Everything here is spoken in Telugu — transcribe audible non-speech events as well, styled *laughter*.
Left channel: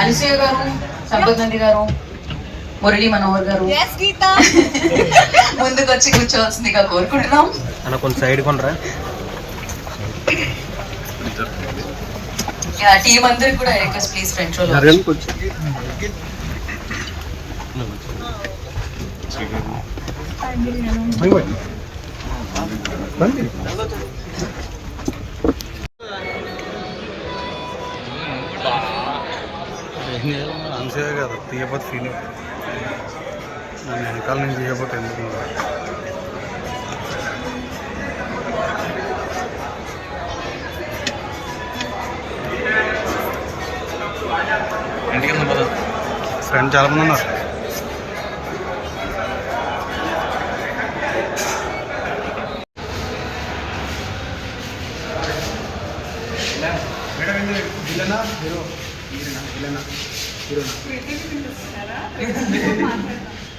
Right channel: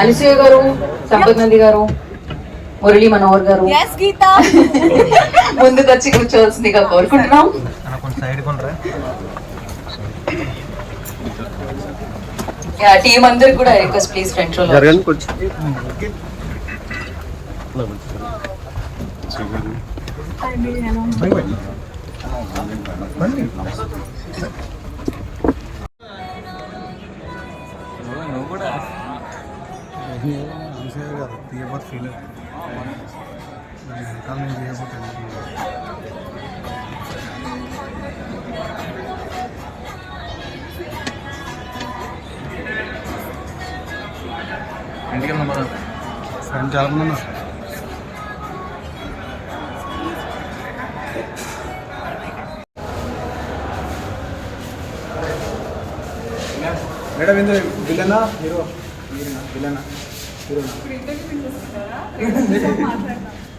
అనసూయ గారు సంపత్ నంది గారు మురళీ మనోహర్ గారు. Yes, Geeta. ముందుకు వచ్చి కూర్చోవలసిందిగా కోరుకుంటున్నాం. సైడ్ కొనరా టీం అందరికి కూడా రిక్వెస్ట్ ప్లీజ్ ఫ్రెండ్స్ జరగండి కొంచెం. ఏం చేయాలి అనసూయ కదా తీయపోతే ఫీల్ నన్ను వెనకాల నుంచి తీయపోతే ఎందుకు ఇంటికి పద ఫ్రెండ్ చాలా మంది ఉన్నారు మేడం ఏంది? విలనా? హీరో విలనా? హీరో *laughs*